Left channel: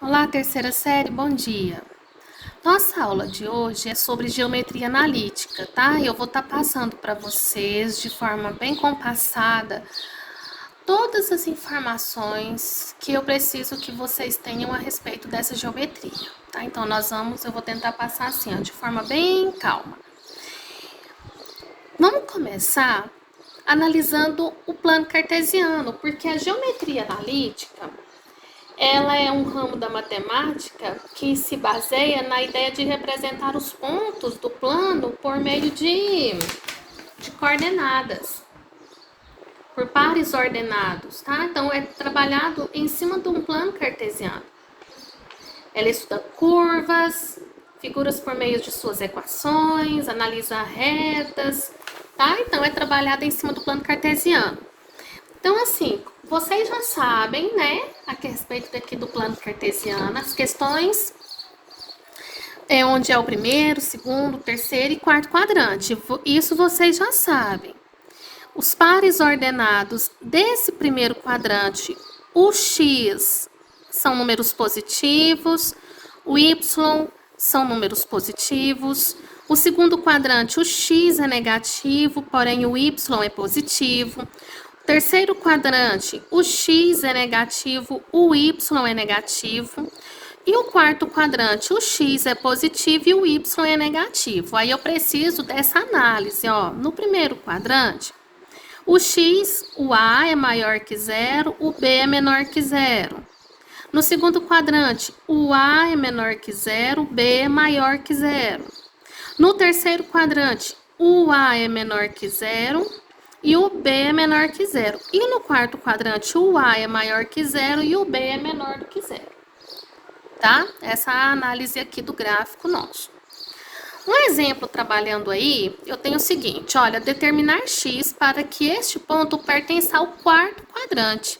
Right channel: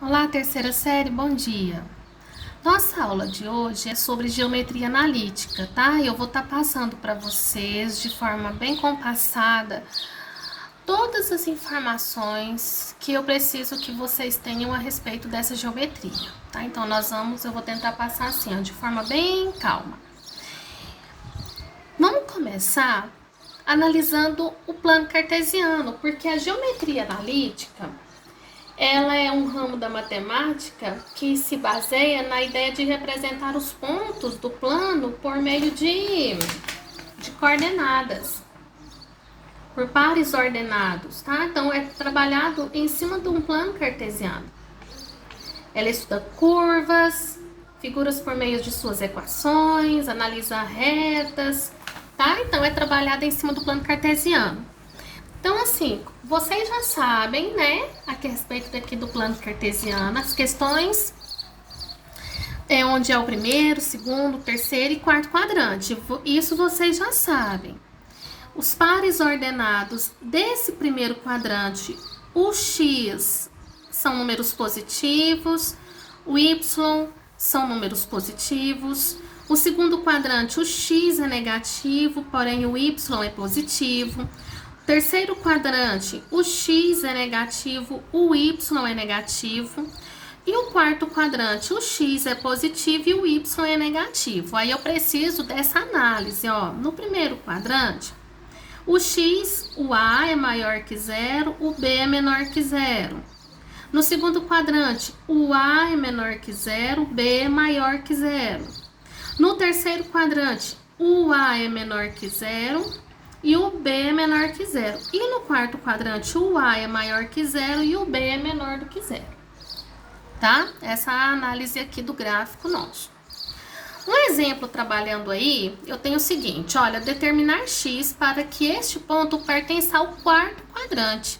Olá, terceira série, bom dia. Nossa aula de hoje é sobre geometria analítica, tá? Eu vou estar passando para vocês de forma bem compassada todas as informações que eu preciso que vocês tenham a respeito dessa geometria, tá? Então eu vou tentar passar assim, ó, de forma bem calma. Vamos começar analisando o plano cartesiano, porque a geometria analítica ela é um ramo da matemática que se baseia na ideia de representar os pontos do plano por meio de coordenadas, por pares ordenados, tá? Então, é trabalhado em cima de um plano cartesiano. Ela estuda curvas, figuras por meio de suas equações, analisa retas, tá? Então, é trabalhada em cima do plano cartesiano. Então, assim, vocês já sabem, né, a respeito daqui do plano cartesiano, as questões onde é o primeiro, segundo, terceiro e quarto quadrante. Isso vocês já sabem. Os pares ordenados desse primeiro quadrante, o x são números positivos, o y são números positivos. O segundo quadrante, o x é negativo, porém o y é positivo. Terceiro quadrante, o x é negativo, o y é negativo. E o quarto quadrante, o x é positivo e o y é negativo. Aí eu preciso dessa análise, ó. No primeiro quadrante, o x, o a é maior que zero, o b é menor que zero. No segundo quadrante, o a é menor que zero, o b é maior que zero. No terceiro quadrante, o a é menor que zero e o b é menor que zero. E no quarto quadrante, o a é maior que zero e o b é menor do que zero. Tá? Essa é a análise aqui do gráfico nosso. Um exemplo trabalhando aí, eu tenho o seguinte, olha, determinar x para que este ponto pertença ao quarto quadrante.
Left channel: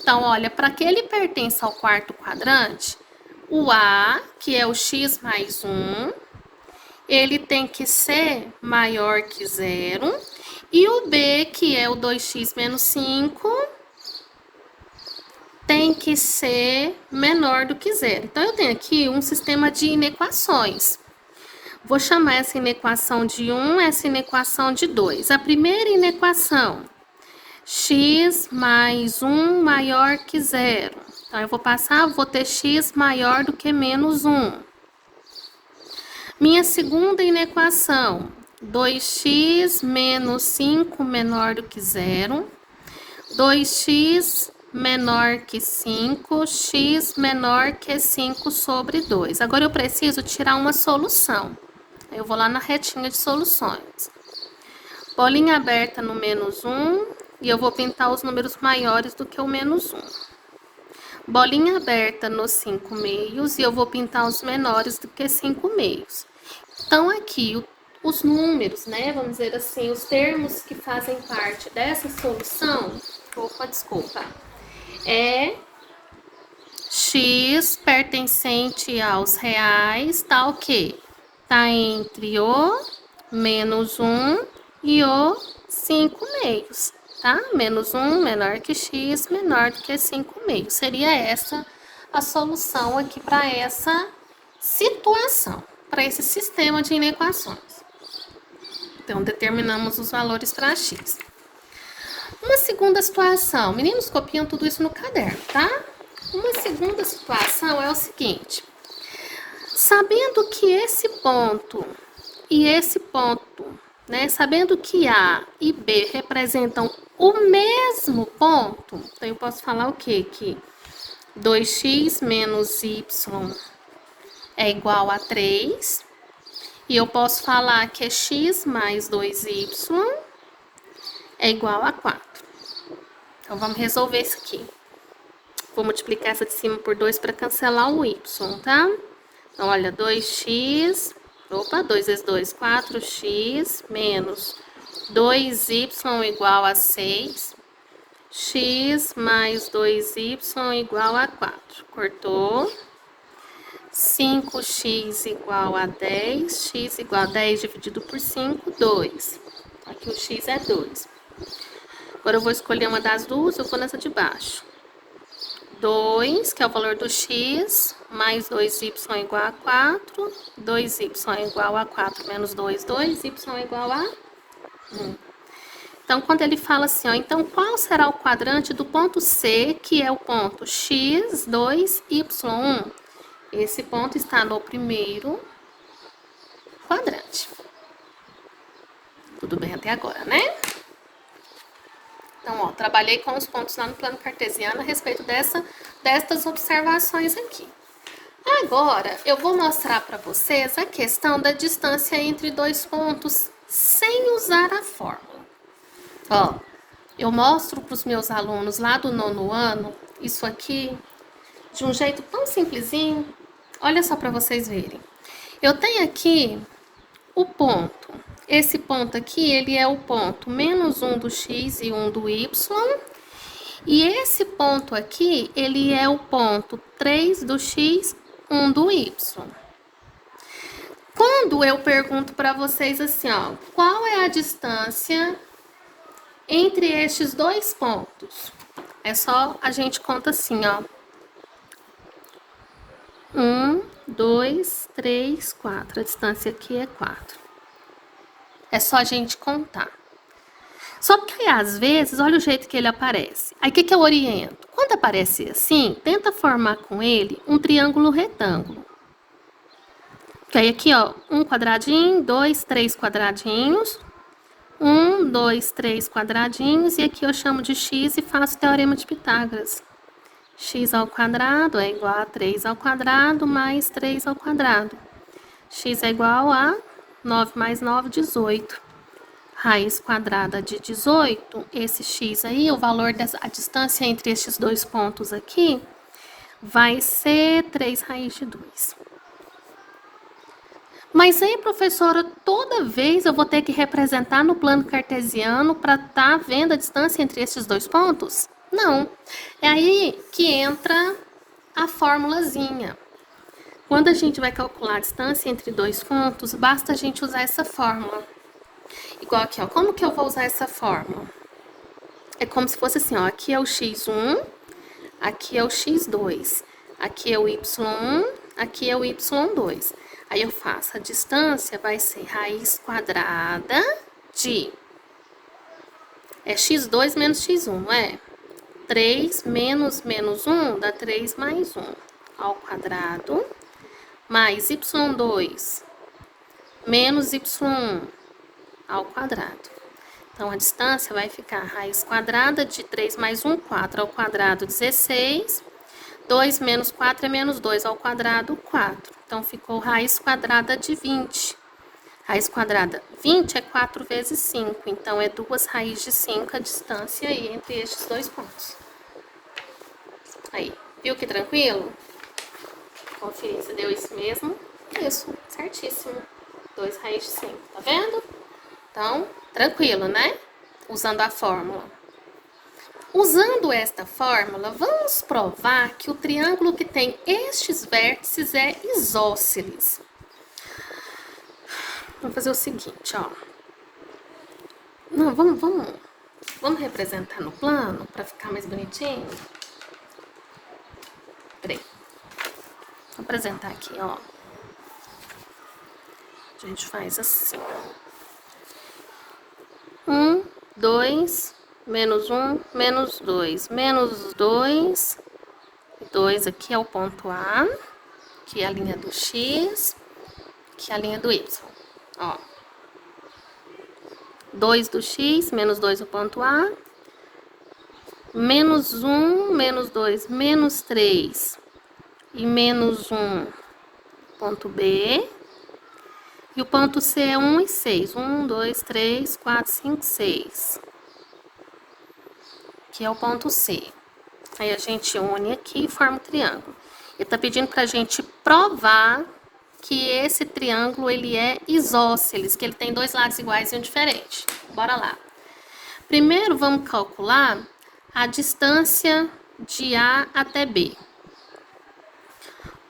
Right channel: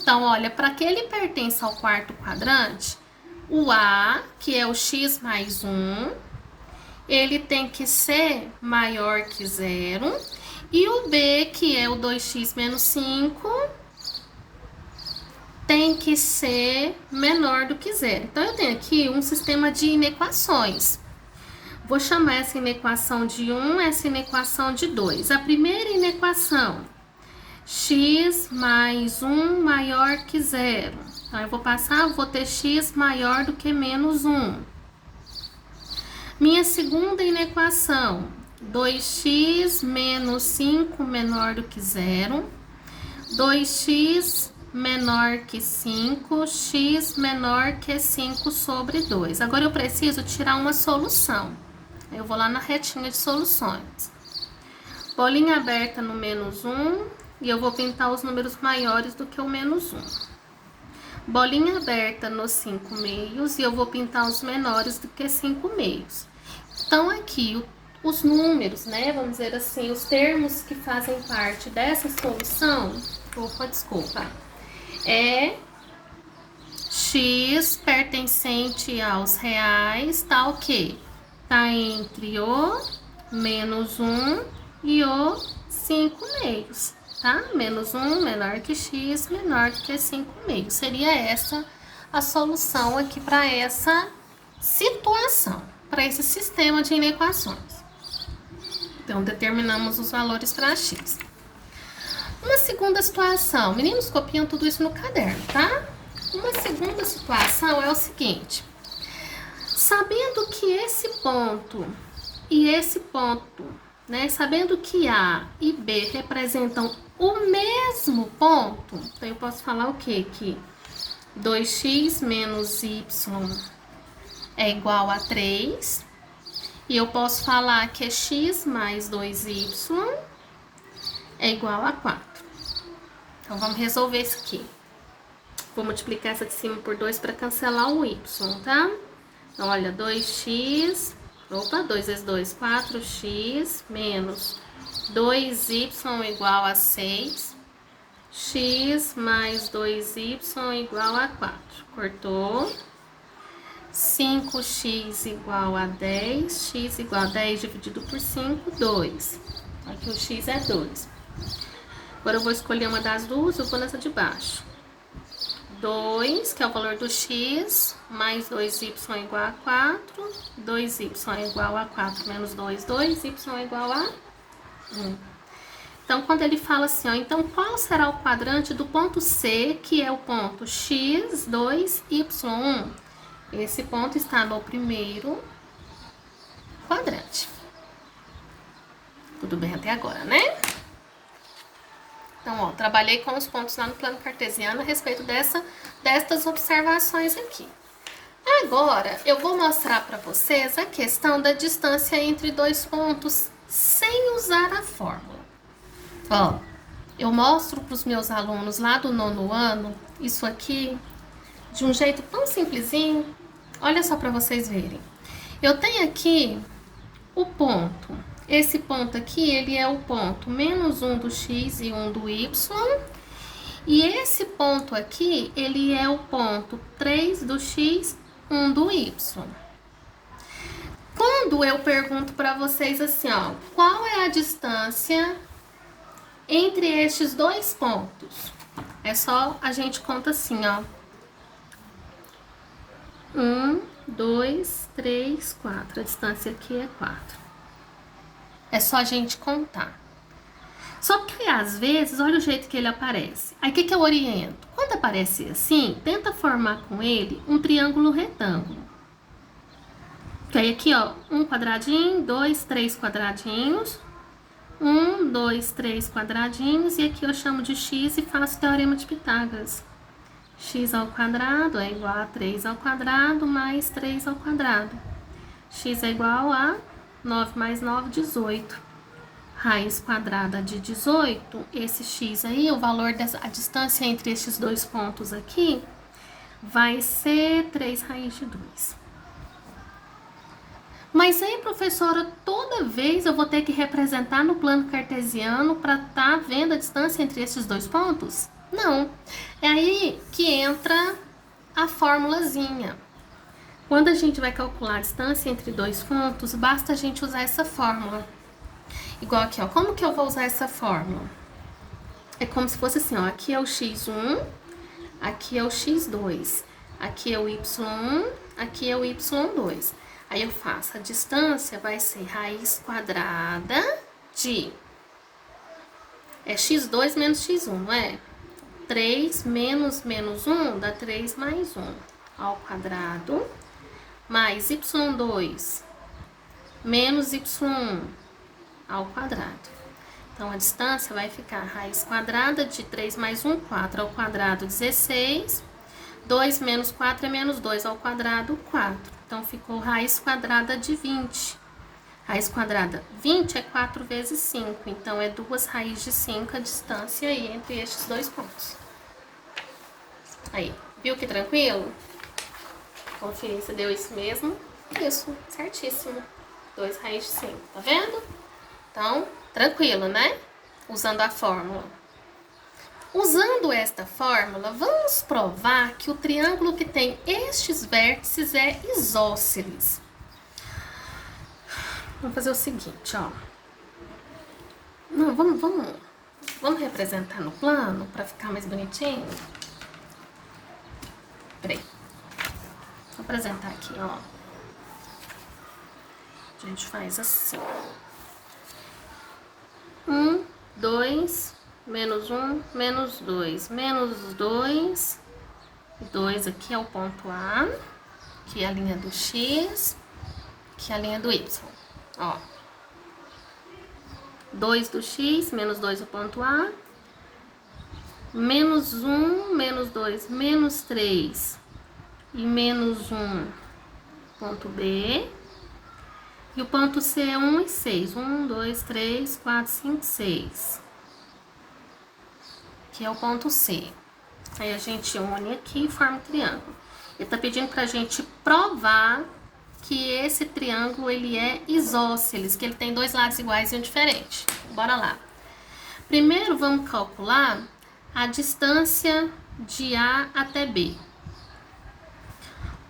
Então, olha, para que ele pertença ao quarto quadrante, o a, que é o x mais 1, ele tem que ser maior que zero, e o b, que é o 2x menos 5, tem que ser menor do que zero. Então, eu tenho aqui um sistema de inequações. Vou chamar essa inequação de 1, essa inequação de 2. A primeira inequação, x mais 1 maior que zero. Então, eu vou ter x maior do que menos 1. Minha segunda inequação, 2x menos 5 menor do que zero. 2x menor que 5, x menor que 5 sobre 2. Agora, eu preciso tirar uma solução. Eu vou lá na retinha de soluções. Bolinha aberta no menos 1 e eu vou pintar os números maiores do que o menos 1. Bolinha aberta nos 5 meios e eu vou pintar os menores do que 5 meios. Então, aqui, os números, né, vamos dizer assim, os termos que fazem parte dessa solução, desculpa, é x pertencente aos reais, tá o quê? Tá entre o menos 1 e o 5 meios, tá? Menos 1 menor que x, menor do que 5 meios. Seria essa a solução aqui para essa situação, para esse sistema de inequações. Então, determinamos os valores para x. Uma segunda situação, meninos copiam tudo isso no caderno, tá? Uma segunda situação é o seguinte, sabendo que esse ponto e esse ponto, né, sabendo que A e B representam o mesmo ponto, então eu posso falar o quê? Que 2x menos y é igual a 3, e eu posso falar que é x mais 2y é igual a 4. Então, vamos resolver isso aqui. Vou multiplicar essa de cima por 2 para cancelar o y, tá? Então, olha, 2x, 2 vezes 2, 4x, menos 2y igual a 6, x mais 2y igual a 4. Cortou. 5x igual a 10, x igual a 10 dividido por 5, 2. Aqui o x é 2. Agora eu vou escolher uma das duas, eu vou nessa de baixo. 2, que é o valor do x, mais 2y é igual a 4, 2y é igual a 4 menos 2, 2y é igual a 1. Então, quando ele fala assim, ó, então qual será o quadrante do ponto C, que é o ponto x, 2, y1? Esse ponto está no primeiro quadrante. Tudo bem até agora, né? Então, ó, trabalhei com os pontos lá no plano cartesiano a respeito destas observações aqui. Agora, eu vou mostrar para vocês a questão da distância entre dois pontos sem usar a fórmula. Ó, eu mostro para os meus alunos lá do 9º ano isso aqui de um jeito tão simplesinho. Olha só para vocês verem. Eu tenho aqui o ponto. Esse ponto aqui, ele é o ponto menos 1 do x e 1 do y. E esse ponto aqui, ele é o ponto 3 do x, 1 do y. Quando eu pergunto para vocês assim, ó, qual é a distância entre estes dois pontos? É só a gente conta assim, ó. 1, 2, 3, 4. A distância aqui é 4. É só a gente contar. Só que às vezes, olha o jeito que ele aparece. Aí o que eu oriento? Quando aparece assim, tenta formar com ele um triângulo retângulo. Que aí aqui, ó, um quadradinho, 2, 3 quadradinhos. 1, 2, 3 quadradinhos. E aqui eu chamo de x e faço o teorema de Pitágoras. X ao quadrado é igual a 3 ao quadrado mais 3 ao quadrado. X é igual a 9 mais 9, 18. Raiz quadrada de 18, esse x aí, o valor a distância entre estes dois pontos aqui, vai ser 3 raiz de 2. Mas aí, professora, toda vez eu vou ter que representar no plano cartesiano para estar vendo a distância entre esses dois pontos? Não. É aí que entra a formulazinha. Quando a gente vai calcular a distância entre dois pontos, basta a gente usar essa fórmula. Igual aqui, ó. Como que eu vou usar essa fórmula? É como se fosse assim, ó. Aqui é o x1, aqui é o x2, aqui é o y1, aqui é o y2. Aí eu faço a distância, vai ser raiz quadrada de... É x2 menos x1, não é? 3 menos 1 dá 3 mais 1 ao quadrado, mais y2 menos y1 ao quadrado. Então, a distância vai ficar raiz quadrada de 3 mais 1, 4 ao quadrado, 16. 2 menos 4 é menos 2 ao quadrado, 4. Então, ficou raiz quadrada de 20. Raiz quadrada 20 é 4 vezes 5. Então, é 2 raiz de 5 a distância aí entre estes dois pontos. Aí, viu que tranquilo? Conferir se deu isso mesmo. Isso, certíssimo. 2 raiz de 5, tá vendo? Então, tranquilo, né? Usando a fórmula. Usando esta fórmula, vamos provar que o triângulo que tem estes vértices é isósceles. Vamos fazer o seguinte, ó. Não, vamos representar no plano para ficar mais bonitinho? Peraí. Vou apresentar aqui, ó. A gente faz assim, ó. 1, 2, menos 1, menos 2, menos 2, 2 aqui é o ponto A, que é a linha do X, que é a linha do Y, ó. 2 do X, menos 2 o ponto A, menos 1, menos 2, menos 3 e menos 1, ponto B. E o ponto C é 1 e 6. 1, 2, 3, 4, 5, 6. Que é o ponto C. Aí a gente une aqui e forma o triângulo. Ele tá pedindo pra gente provar que esse triângulo, ele é isósceles, que ele tem dois lados iguais e um diferente. Bora lá. Primeiro, vamos calcular a distância de A até B.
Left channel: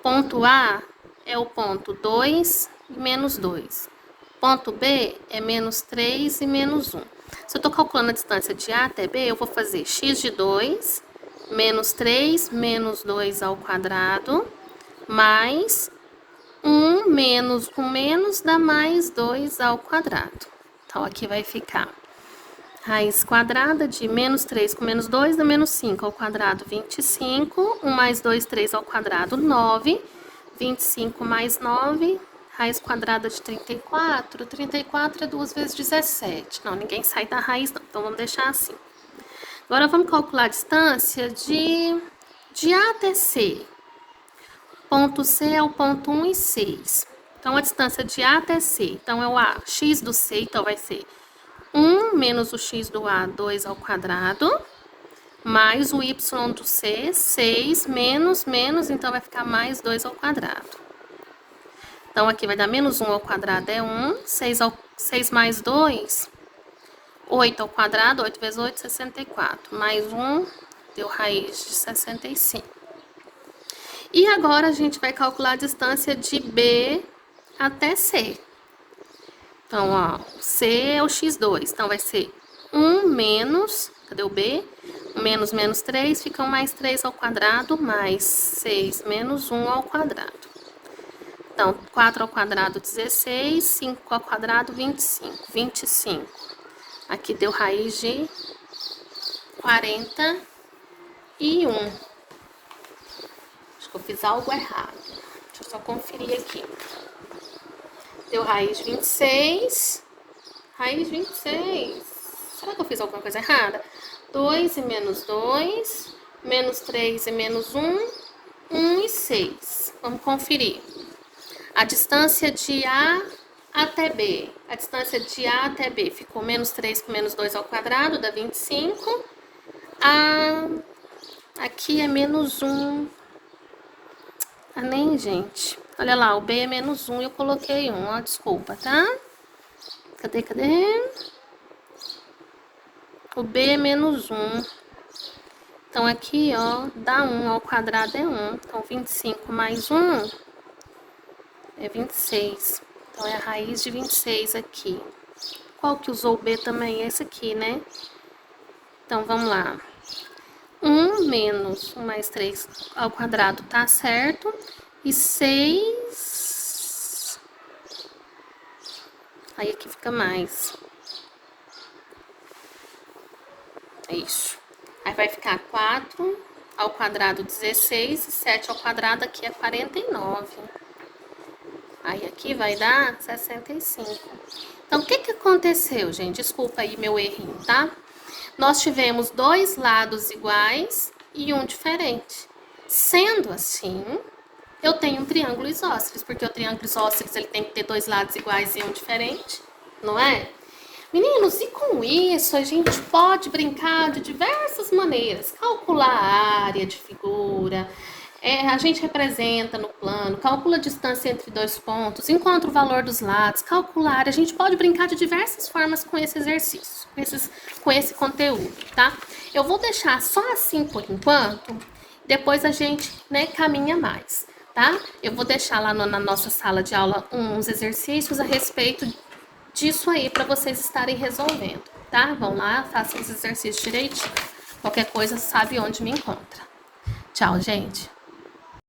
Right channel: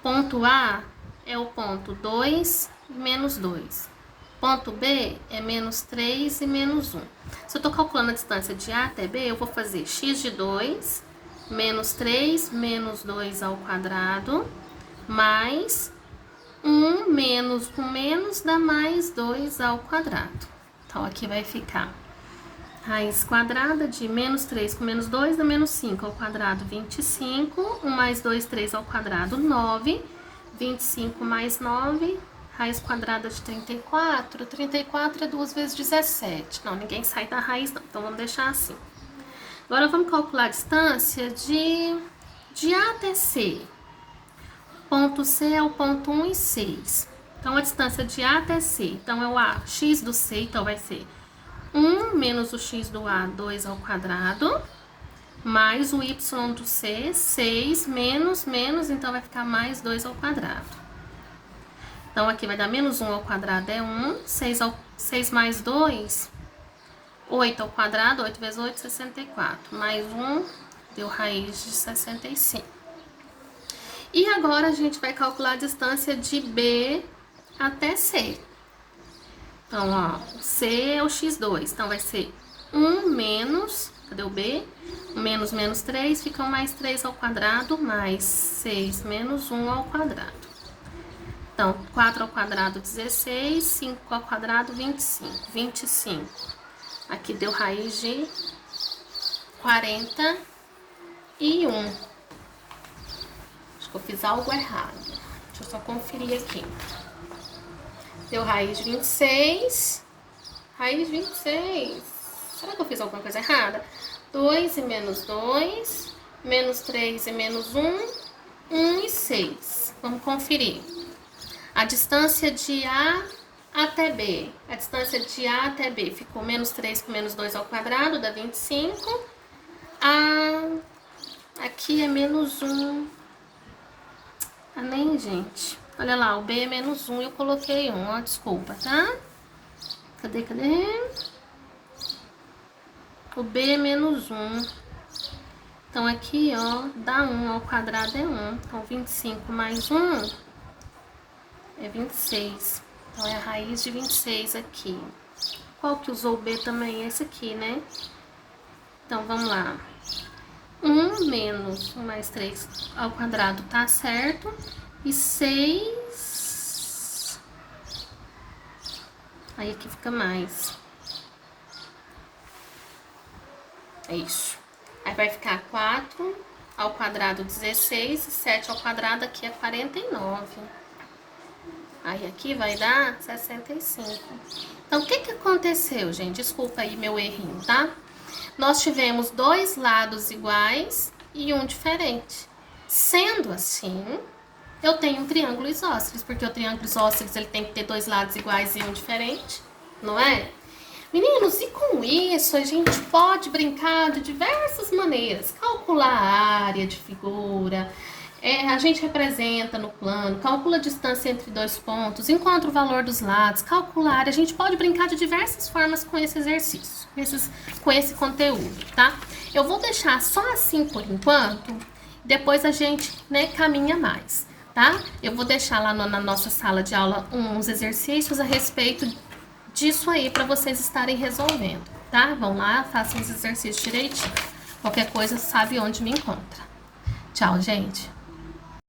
Ponto A é o ponto 2 e menos 2. Ponto B é menos 3 e menos 1. Se eu tô calculando a distância de A até B, eu vou fazer x de 2 menos 3 menos 2 ao quadrado, mais 1 menos 1 menos dá mais 2 ao quadrado. Então, aqui vai ficar raiz quadrada de menos 3 com menos 2 dá menos 5 ao quadrado, 25. 1 mais 2, 3 ao quadrado, 9. 25 mais 9, raiz quadrada de 34. 34 é 2 vezes 17. Não, ninguém sai da raiz, não. Então, vamos deixar assim. Agora, vamos calcular a distância de A até C. Ponto C é o ponto 1 e 6. Então, a distância de A até C. Então, é o A, x do C, então vai ser 1 menos o x do A, 2 ao quadrado, mais o y do C, 6, menos, então vai ficar mais 2 ao quadrado. Então, aqui vai dar menos 1 ao quadrado é 1, 6 mais 2, 8 ao quadrado, 8 vezes 8, 64. Mais 1, deu raiz de 65. E agora, a gente vai calcular a distância de B até C. Então, ó, C é o x2, então vai ser 1 menos, cadê o B? 1 menos menos 3, fica mais 3 ao quadrado, mais 6 menos 1 ao quadrado. Então, 4 ao quadrado, 16, 5 ao quadrado, 25. 25. Aqui deu raiz de 41. Acho que eu fiz algo errado. Deixa eu só conferir aqui. Deu raiz de 26. Raiz de 26. Será que eu fiz alguma coisa errada? 2 e menos 2. Menos 3 e menos 1. 1 e 6. Vamos conferir. A distância de A até B. A distância de A até B ficou menos 3 com menos 2 ao quadrado, dá 25. Aqui é menos 1. Ah, nem, gente. Olha lá, o B é menos 1 e eu coloquei 1. Ó, desculpa, tá? Cadê? O B é menos 1. Então, aqui, ó, dá 1 ao quadrado é 1. Então, 25 mais 1 é 26. Então, é a raiz de 26 aqui. Qual que usou o B também? Esse aqui, né? Então, vamos lá. 1 menos 1 mais 3 ao quadrado tá certo. E 6... Aí, aqui fica mais. Isso. Aí, vai ficar 4 ao quadrado, 16. E 7 ao quadrado aqui é 49. Aí, aqui vai dar 65. Então, o que aconteceu, gente? Desculpa aí meu errinho, tá? Nós tivemos dois lados iguais e um diferente. Sendo assim, eu tenho um triângulo isósceles, porque o triângulo isósceles ele tem que ter dois lados iguais e um diferente, não é? Meninos, e com isso a gente pode brincar de diversas maneiras. Calcular a área de figura, a gente representa no plano, calcula a distância entre dois pontos, encontra o valor dos lados, calcula a área. A gente pode brincar de diversas formas com esse exercício, com esse conteúdo, tá? Eu vou deixar só assim por enquanto, depois a gente, né, caminha mais, tá? Eu vou deixar lá na nossa sala de aula uns exercícios a respeito disso aí para vocês estarem resolvendo, tá? Vão lá, façam os exercícios direitinho. Qualquer coisa sabe onde me encontra. Tchau, gente!